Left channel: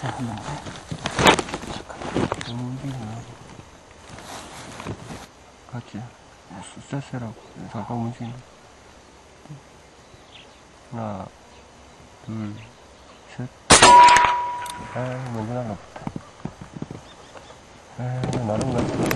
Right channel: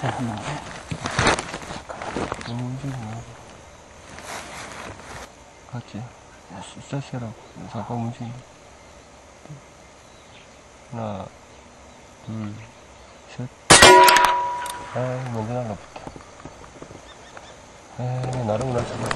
자세 하나. 너무 움직이나. 같이. 숫자세라고. 잠깐 움직이나. 하나, 둘, 셋. 먼저 날라붙다. 나름 낫다.